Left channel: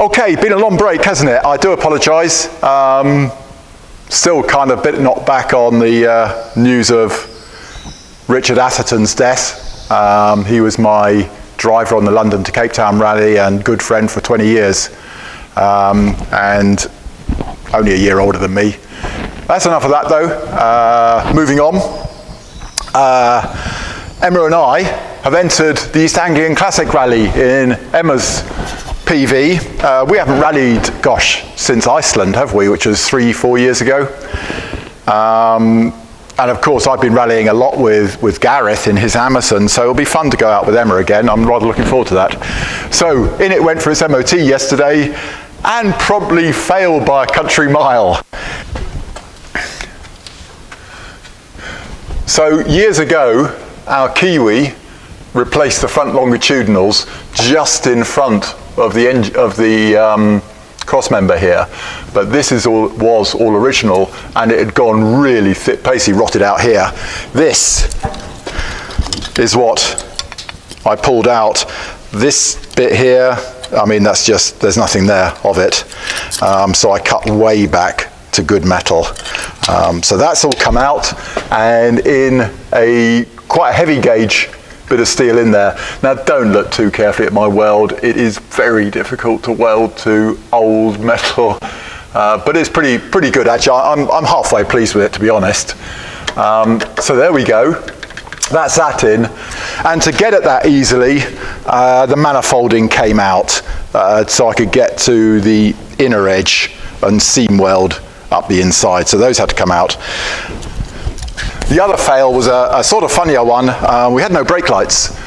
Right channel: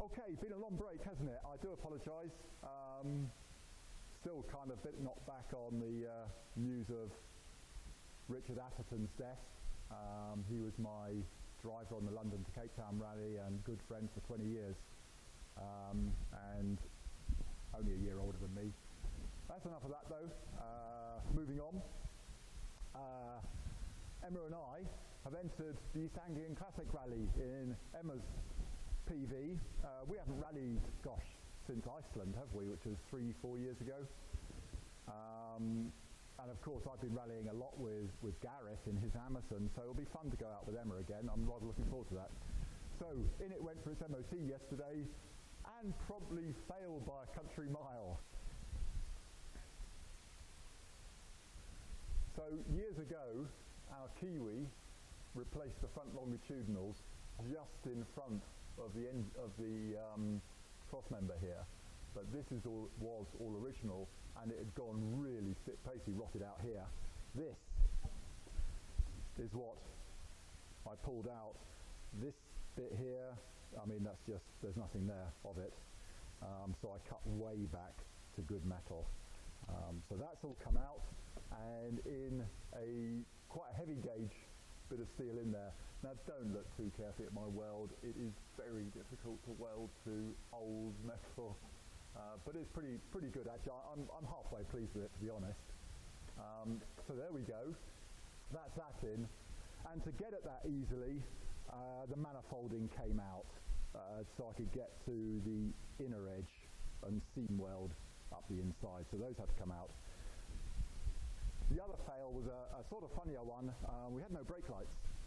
Okay, been a long break, hasn't it? I do apologise. Still kind of a bit knocked back on the news of Richard Atherton's death. He was my driver on the London to Cape Town rally and good friend for 20 years, and only a year older than me. That's enough of that though. Moving on. Emma and I have entered the East Anglian Classic Rally in Emma's PV. We haven't rallied, since Iceland, have we, which was 3-4 years ago. And of course, I've been rallying a lot with Gareth in his Amazon, so it'll be fun to go out with Emma again. I'm rather looking forward to that. So, in it went for its MOT yesterday, and probably failed by a country mile. So, years ago, our Kiwi replaced the front longitudinals just in front of the crossmember here, but this was all original, and it had gone really thick, basically rotted out here. This is what I pulled out. This bit here, I mean, that's just, there's nothing there of it. So I cut way back to good metal. So that's all come out, and in quite a heavy gauge bit of steel in there. Now don't look too carefully at my weld. It is very difficult to weld to old metal, but it's pretty good actually. I'm halfway pleased with it, to be honest. So there we go. That's that in. And to get at that easily, the manifolding came out, so I could get to the inner edge and seam weld up the inside. So those had to come out. The other fail was a sort of funnier one. We had no brake lights,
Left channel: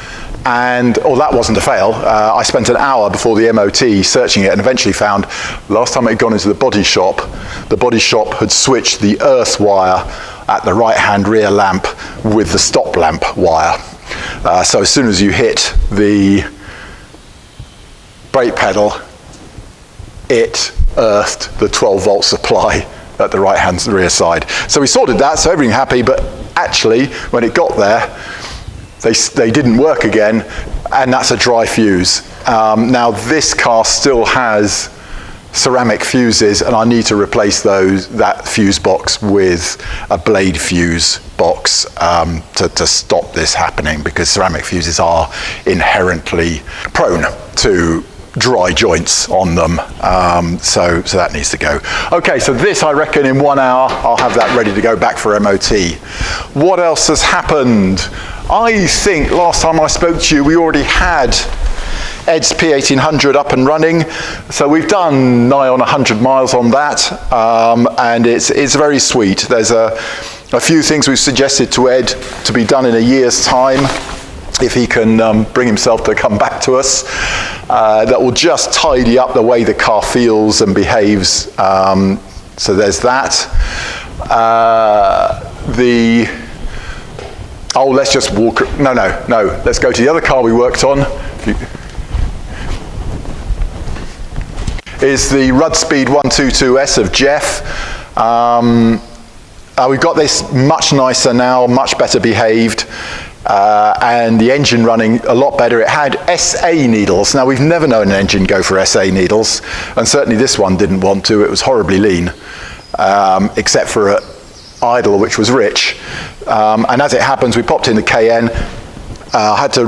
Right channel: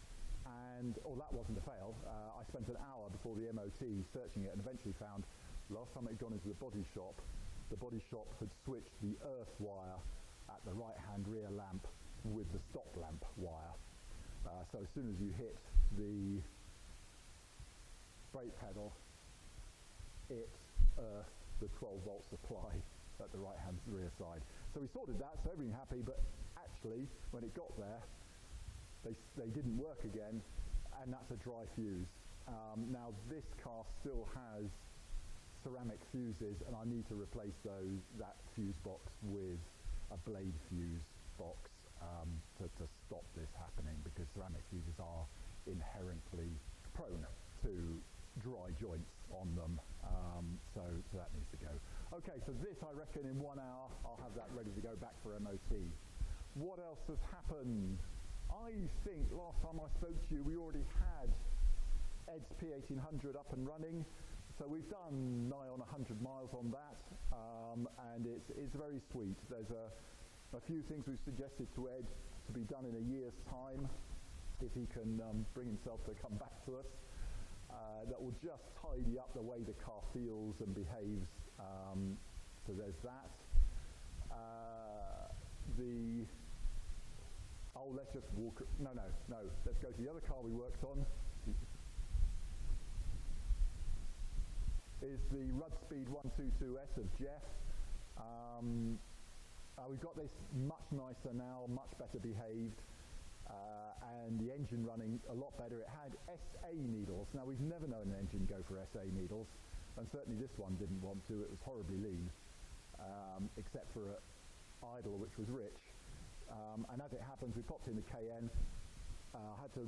and that wasn't a fail. I spent an hour before the MOT searching it and eventually found, last time it had gone into the body shop had switched the earth wire at the right-hand rear lamp with the stop lamp wire. So as soon as you hit the brake pedal, it earthed the 12-volt supply at the right-hand rear side. So we sorted that, so everything happy, but actually, when it got there, they didn't work again, and that's a dry fuse. Now this car still has ceramic fuses, and I need to replace that fuse box with a blade fuse box to stop this happening, because ceramic fuses are inherently prone to dry joints on them, so that needs to go. Okay, so this, I reckon in 1 hour I'll have that ready to go back for MOT. What else has happened? I think last time I spoke to you we already had Ed's P1800 up and running, so we've done nigh on 100 miles on that, and it's very sweet. There's a few things we've suggested to Ed to be done in a year's time, if he can bring himself to come back to us, that will just tidy up the way the car feels and behaves. So there's that. Let's just walk, no, let's go to the other car we worked on. Is the Rudd Speed 122S of Jeff. We've got this much nicer now, much better behaved. And the engine running a lot better. It had SA needles. Now, we've never known an engine go for SA needles, and certainly this one didn't want to. It was horribly lean, except for at idle, which was rich. And as it happens, we popped in the KN. I had to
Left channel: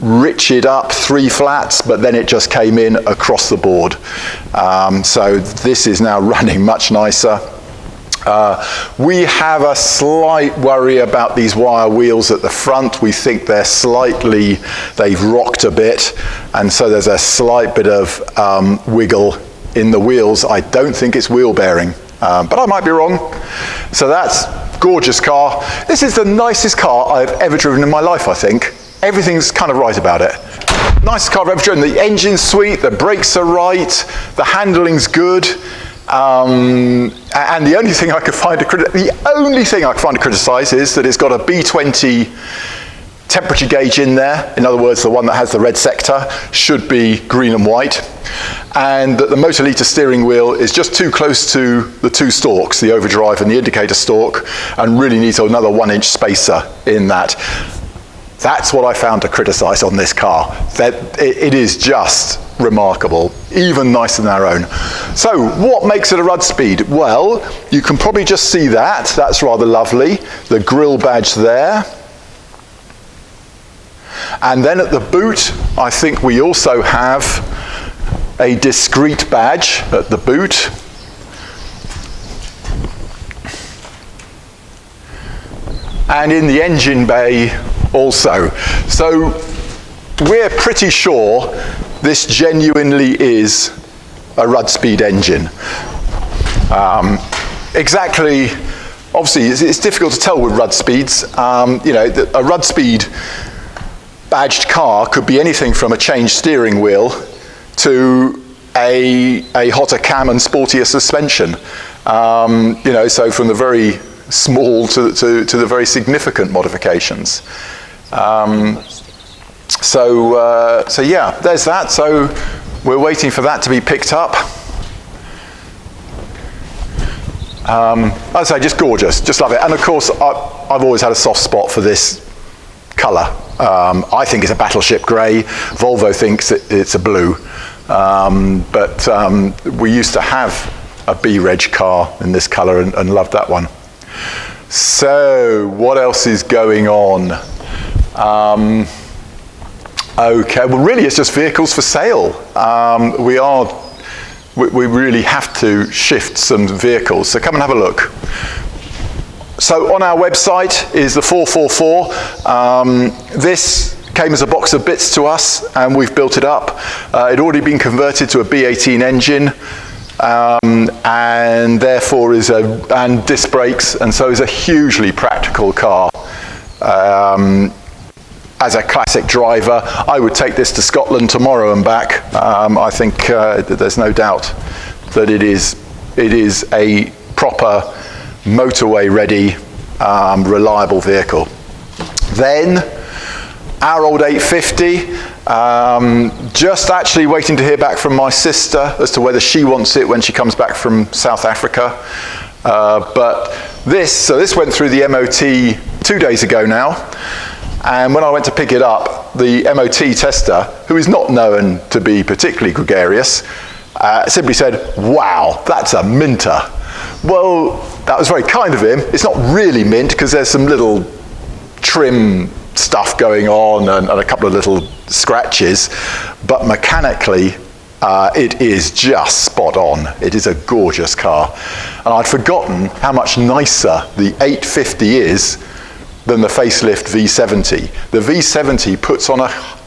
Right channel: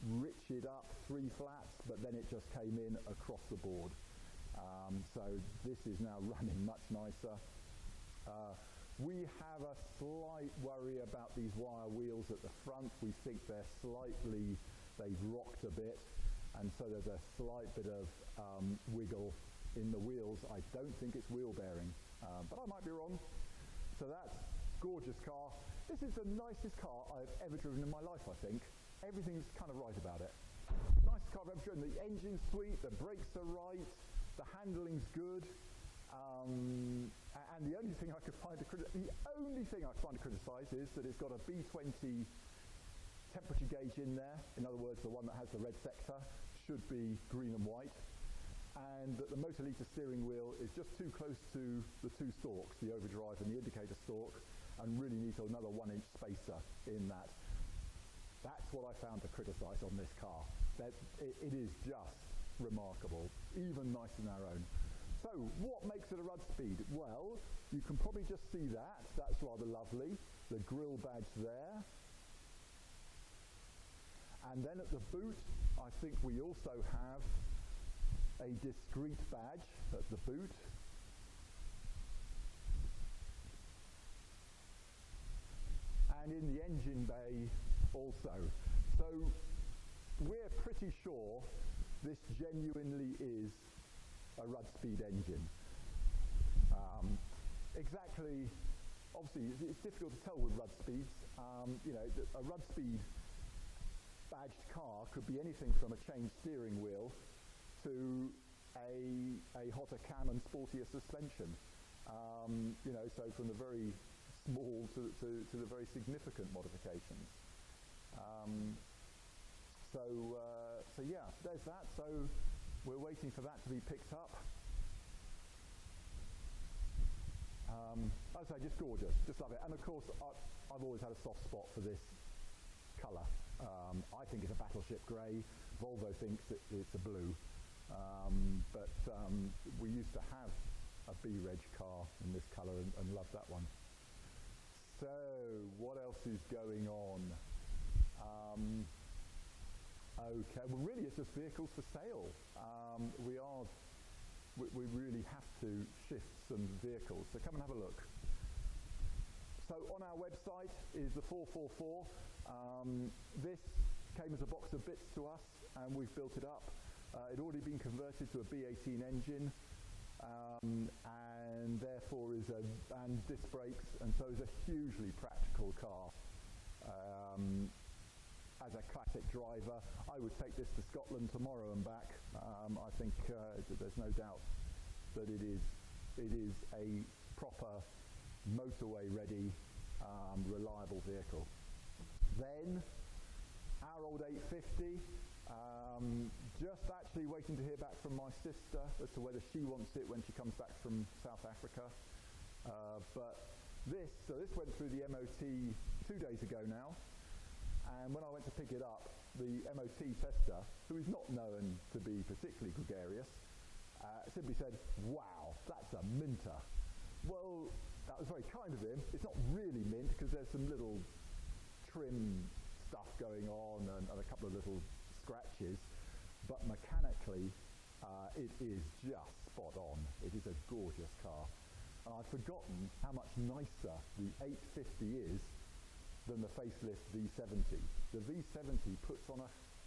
rich it up 3 flats, but then it just came in across the board. So this is now running much nicer. We have a slight worry about these wire wheels at the front. We think they've rocked a bit, and so there's a slight bit of wiggle in the wheels. I don't think it's wheel bearing, but I might be wrong. So that's gorgeous car. This is the nicest car I've ever driven in my life, I think. Everything's kind of right about it. Nicest car I've ever driven. The engine's sweet, the brakes are right, the handling's good. And the only thing I could find to criticize is that it's got a B20 temperature gauge in there. In other words, the one that has the red sector should be green and white. And that the Motorlita steering wheel is just too close to the 2 stalks, the overdrive and the indicator stalk, and really needs another 1-inch spacer in that. That's what I found to criticize on this car. That it is just remarkable, even nicer than our own. So what makes it a Rudd Speed? Well, you can probably just see that. That's rather lovely. The grille badge there. And then at the boot, I think we also have a discrete badge at the boot. And in the engine bay also. So we're pretty sure this genuinely is a Rudd Speed engine. Exactly, obviously it's difficult to tell with Rudd Speeds. You know, a Rudd Speed badged car could be anything from a changed steering wheel to a hotter cam and sportier suspension. You know, so from the very small to the very significant modifications. So yeah, there's that. So we're waiting for that to be picked up. I'd say just gorgeous, just love it. And of course, I've always had a soft spot for this colour. I think it's a battleship grey. Volvo thinks it's a blue. But we used to have a B-Reg car in this colour and loved that one. So what else is going on? Okay, well really it's just vehicles for sale. We really have to shift some vehicles, so come and have a look. So on our website is the 444. This came as a box of bits to us and we've built it up. It'd already been converted to a B18 engine and therefore and disc brakes, and so is a hugely practical car. As a classic driver, I would take this to Scotland tomorrow and back. I think there's no doubt that it is a proper motorway-ready, reliable vehicle. Then, our old 850, just actually waiting to hear back from my sister as to whether she wants it when she comes back from South Africa. But this went through the MOT 2 days ago now. And when I went to pick it up, the MOT tester, who is not known to be particularly gregarious, simply said, "Wow, that's a minter." Well, that was very kind of him. It's not really mint because there's some little trim stuff going on and a couple of little scratches, but mechanically, it is just spot on. It is a gorgeous car. And I'd forgotten how much nicer the 850 is than the facelift V70. The V70 puts on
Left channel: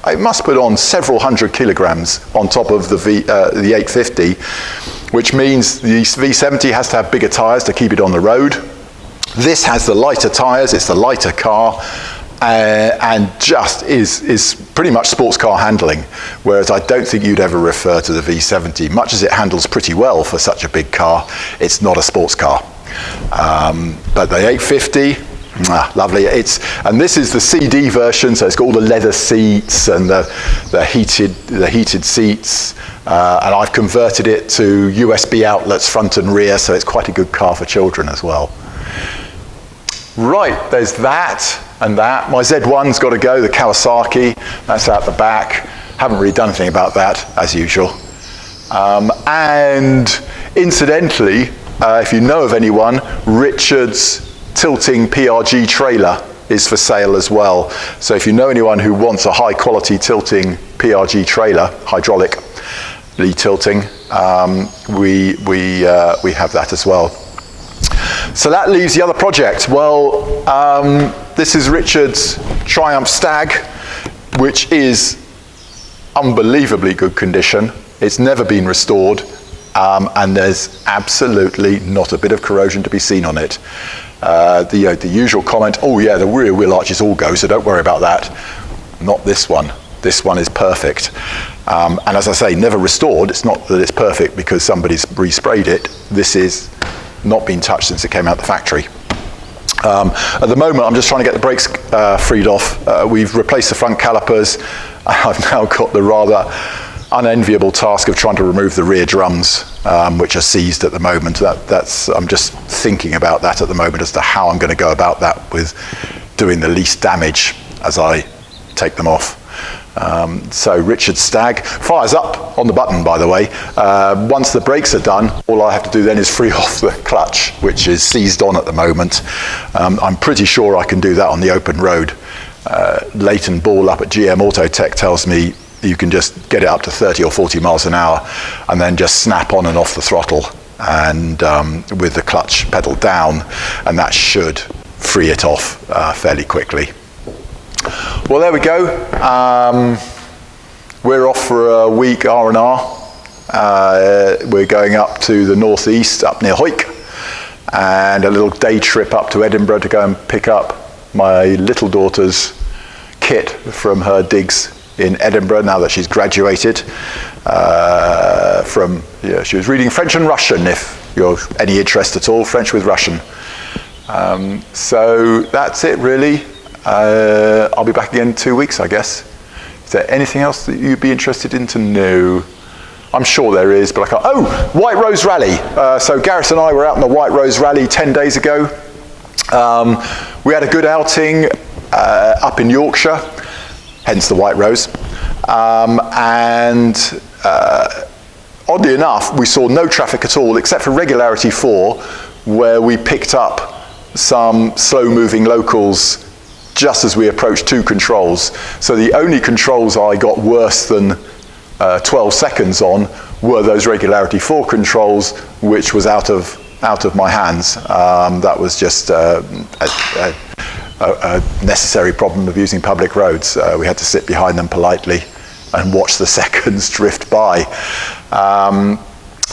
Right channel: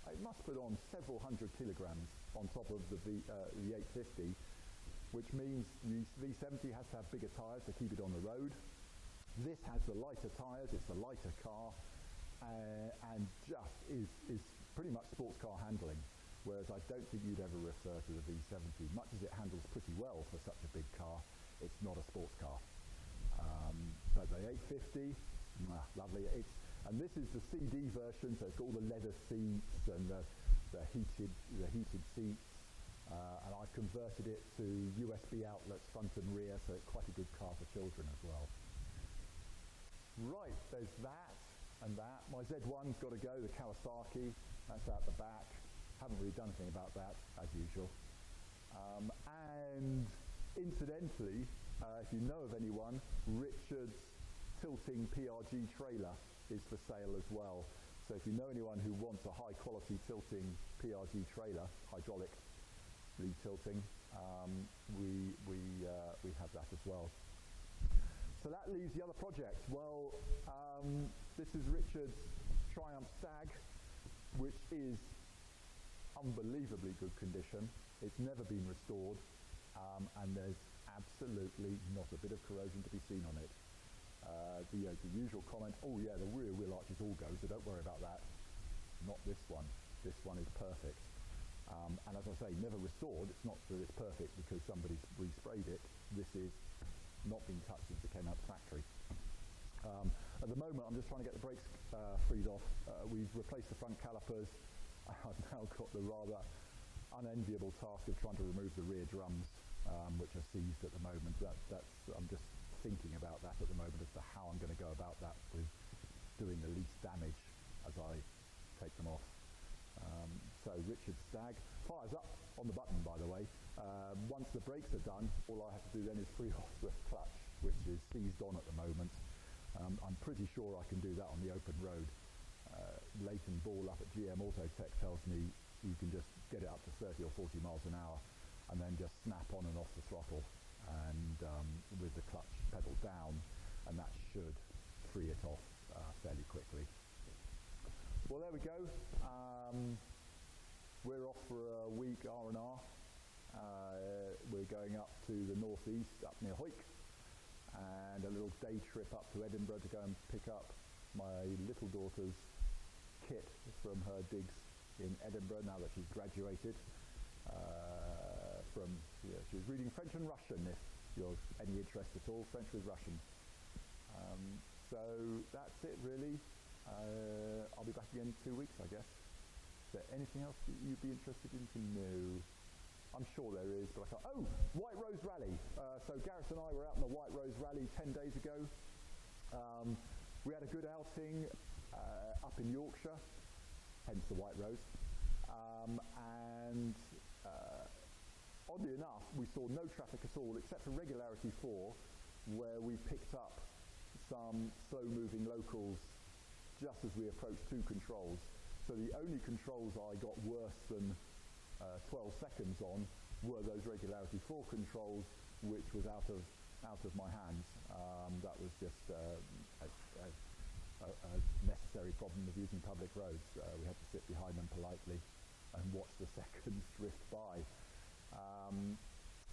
it must put on several hundred kilograms on top of the 850, which means the V70 has to have bigger tires to keep it on the road. This has the lighter tires, it's the lighter car, and just is pretty much sports car handling, whereas I don't think you'd ever refer to the V70. Much as it handles pretty well for such a big car, it's not a sports car. But the 850, lovely. And this is the CD version, so it's got all the leather seats and the heated seats. And I've converted it to USB outlets front and rear, so it's quite a good car for children as well. Right, there's that and that. My Z1's got to go, the Kawasaki. That's out the back. Haven't really done anything about that, as usual. And incidentally, if you know of anyone, Richard's tilting PRG trailer is for sale as well. So if you know anyone who wants a high quality tilting PRG trailer, hydraulically tilting, we have that as well. So that leaves the other project. Well, this is Richard's Triumph Stag, which is unbelievably good condition. It's never been restored, and there's absolutely not a bit of corrosion to be seen on it. The usual comment, oh yeah, the rear wheel arches all go, so don't worry about that. Not this one. This one is perfect. And as I say, never restored. It's not that it's perfect because somebody's resprayed it. This is not been touched since it came out the factory. At the moment, I'm just trying to get the brakes freed off. We've replaced the front calipers. I've now got the rather unenviable task of trying to remove the rear drums, which are seized at the moment. I'm just thinking about that at the moment as to how I'm going to go about that with doing the least damage as I take them off. So Richard Stagg fires up on the button, by the way. Once the brakes are done, all I have to do then is free off the clutch, which is seized on at the moment. I'm pretty sure I can do that on the open road. Leighton Ball up at GM Autotech tells me you can just get it up to 30 or 40 miles an hour and then just snap on and off the throttle and with the clutch pedal down, and that should free it off fairly quickly. Well, there we go. We're off for a week R&R. We're going up to the northeast, up near Hawick, and a little day trip up to Edinburgh to go and pick up my little daughter's kit from her digs in Edinburgh now that she's graduated. She was reading French and Russian, if you're any interest at all, French with Russian. So that's it, really. I'll be back again in 2 weeks, I guess. Is there anything else that you'd be interested in to know? I'm sure there is, but I can't. Oh, White Rose Rally. So Gareth and I were out on the White Rose Rally 10 days ago. We had a good outing up in Yorkshire, hence the White Rose. Oddly enough, we saw no traffic at all, except for Regularity 4, where we picked up some slow-moving locals just as we approached 2 controls. So the only controls I got worse than 12 seconds on were those Regularity 4 controls, which was out of my hands. That was just a necessary problem of using public roads. We had to sit behind them politely and watch the seconds drift by.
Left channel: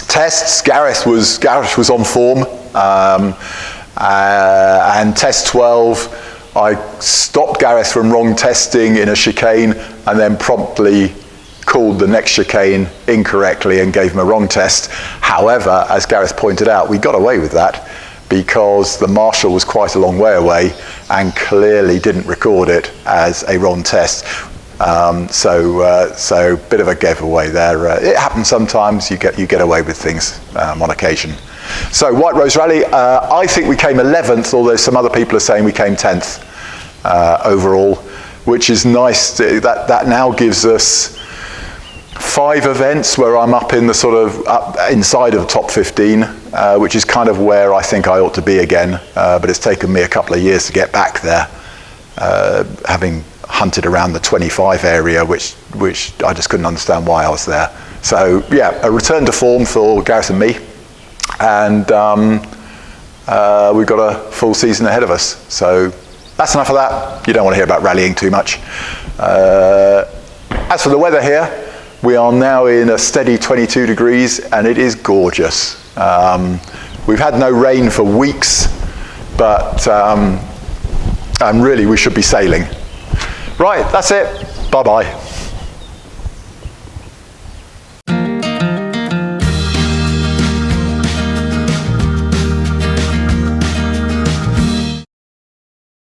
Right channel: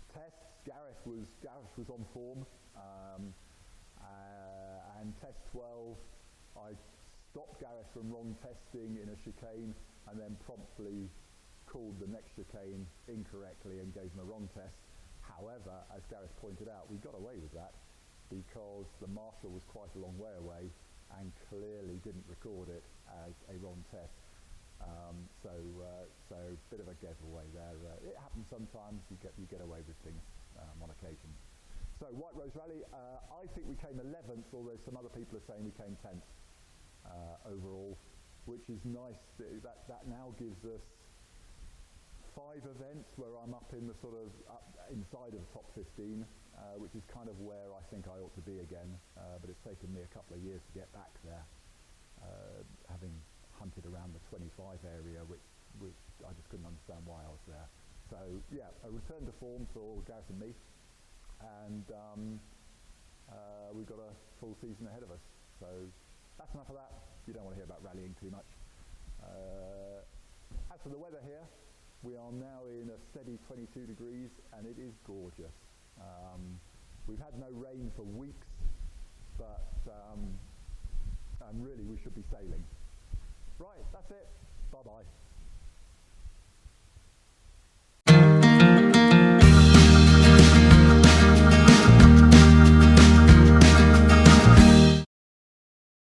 Tests, Gareth was on form, and test 12, I stopped Gareth from wrong testing in a chicane and then promptly called the next chicane incorrectly and gave him a wrong test. However, as Gareth pointed out, we got away with that because the marshal was quite a long way away and clearly didn't record it as a wrong test. So bit of a giveaway there. It happens sometimes. You get away with things on occasion. So White Rose Rally, I think we came 11th, although some other people are saying we came 10th overall, which is nice. That now gives us 5 events where I'm up in the sort of up inside of the top 15, which is kind of where I think I ought to be again. But it's taken me a couple of years to get back there, having hunted around the 25 area, which I just couldn't understand why I was there. So yeah, a return to form for Gareth and me, and we've got a full season ahead of us. So that's enough of that. You don't want to hear about rallying too much. As for the weather here, we are now in a steady 22 degrees and it is gorgeous. We've had no rain for weeks, but really we should be sailing. Right, that's it. Bye-bye.